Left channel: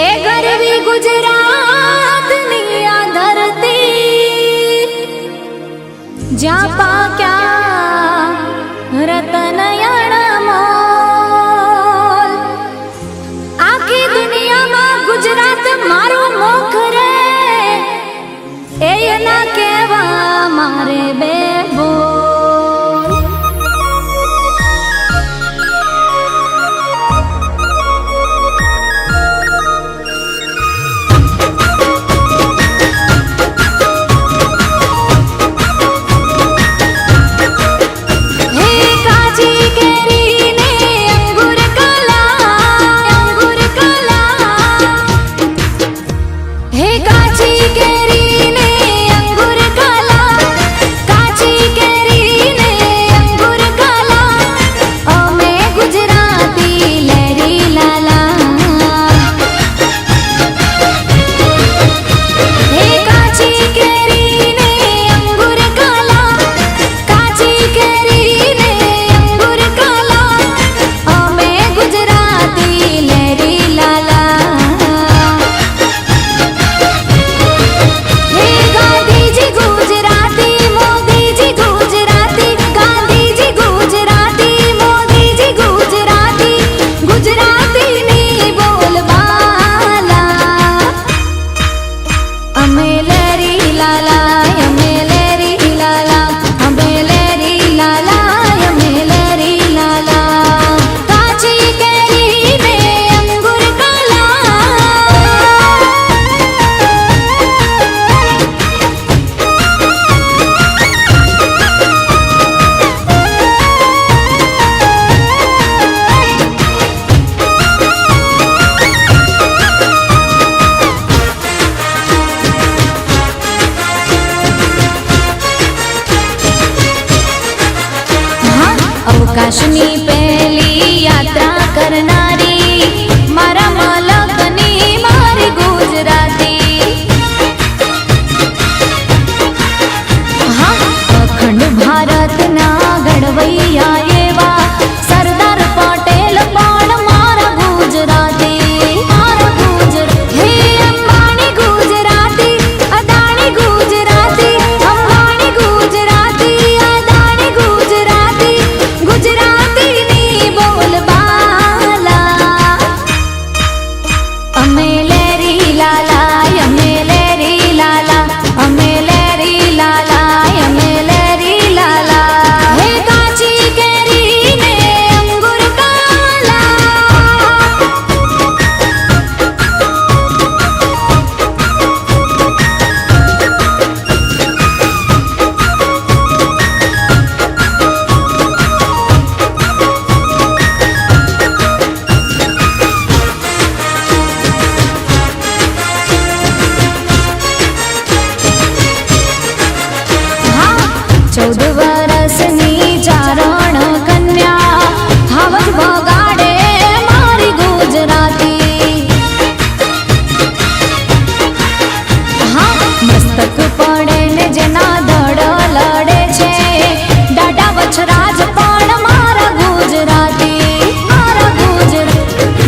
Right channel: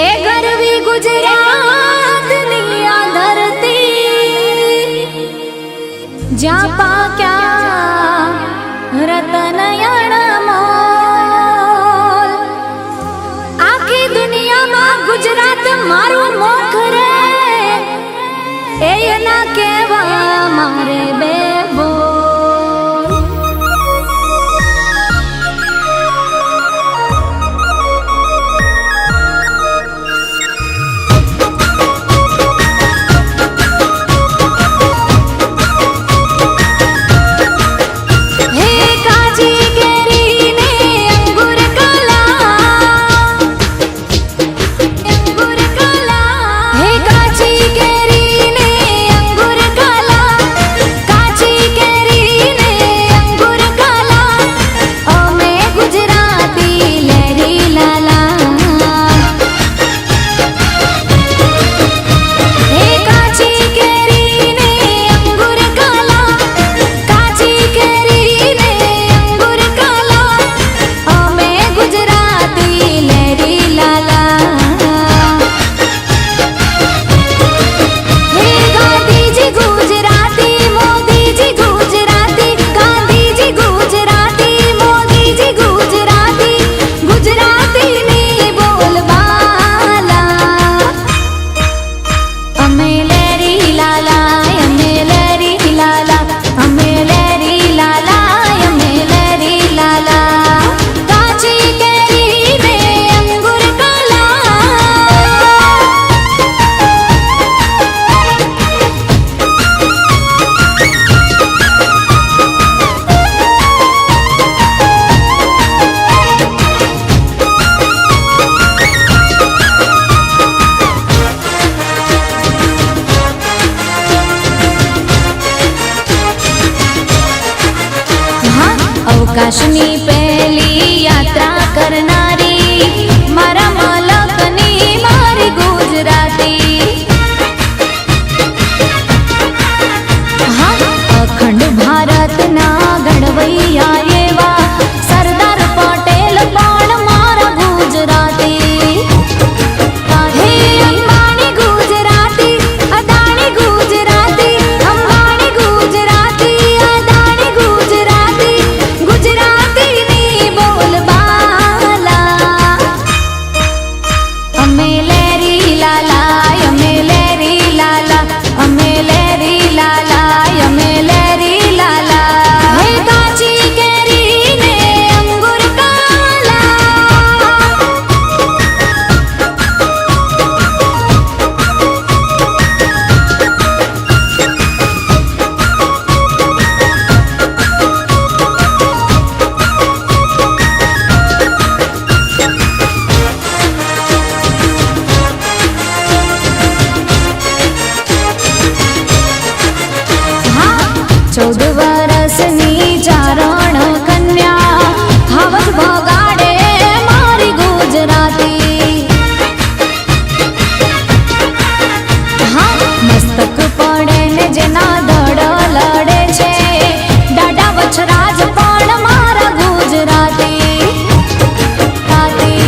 ए गरवी गुजरात निया धरती ज्या पाक्या रतन अणमोल आखी दुनिया में गुजरात मारू मुख रे ए ना केवा मारे बेबो अवकाशनी पहली यात्रा करनारी मारा मलकनी मारी गुजराती हाँ अखंड भारत ना घड़वैया एवा सरदार पटेल पण मारा गुजराती हे अंबानी गुजराती अदानी गुजराती अंबानी गुजराती अदानी गुजराती गुजराती नी बोल बाला अमेलेरी लाला अमेलेरी लाला अमेलेरी लाला अमेलेरी लाला हे काची केरी ने अंगूर काला हाँ 14 वर्षनी चारण कन्या हवज बगाड़े मारी गुजराती हाँ मस्तक पड़े ने जेना धड़ लड़े छे डाडा वछराज पण मारा गुजराती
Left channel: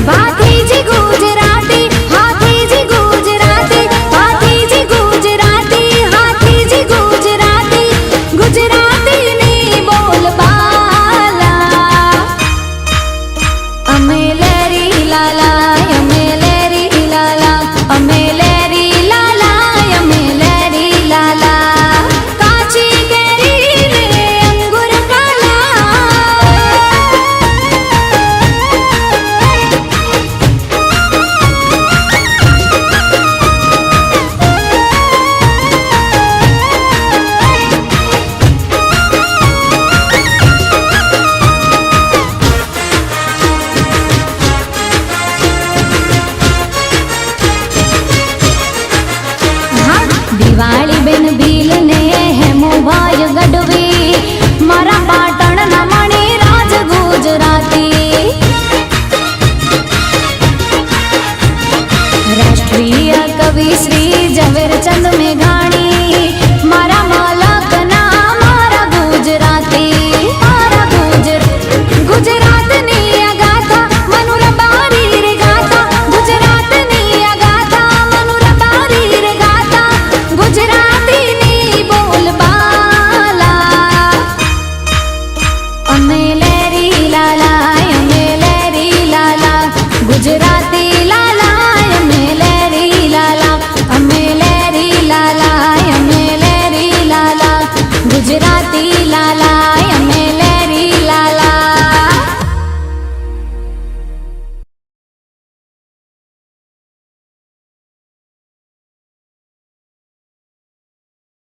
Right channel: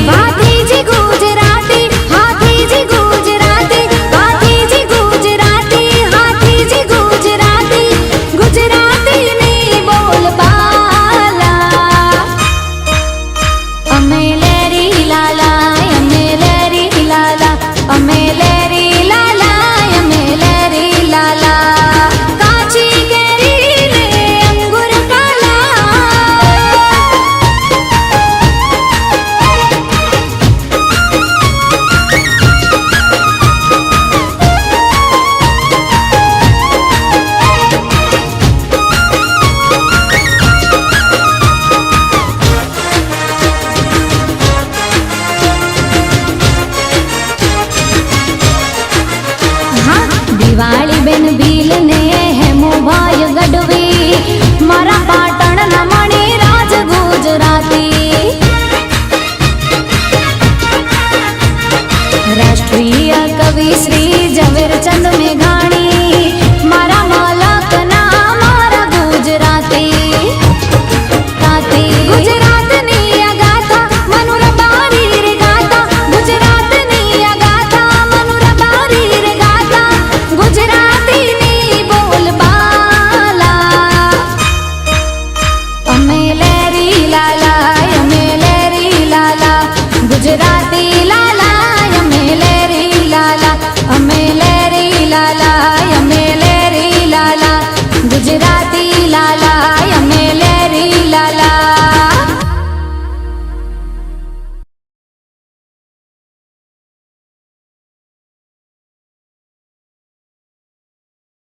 भातीजी गुजराती हाथीजी गुजराती भातीजी गुजराती हाथीजी गुजराती गुजराती नी बोल बाला अमेलेरी लाला अमेलेरी लाला अमेलेरी लाला अमेलेरी लाला काची केरी ने अंगूर काला हाँ दिवाળી बेन भील ने हेमो भाई गढ़वी मारा पाटण ना मणि राज गुजराती राष्ट्रीय कवि श्री झवेरचंद मेघाणी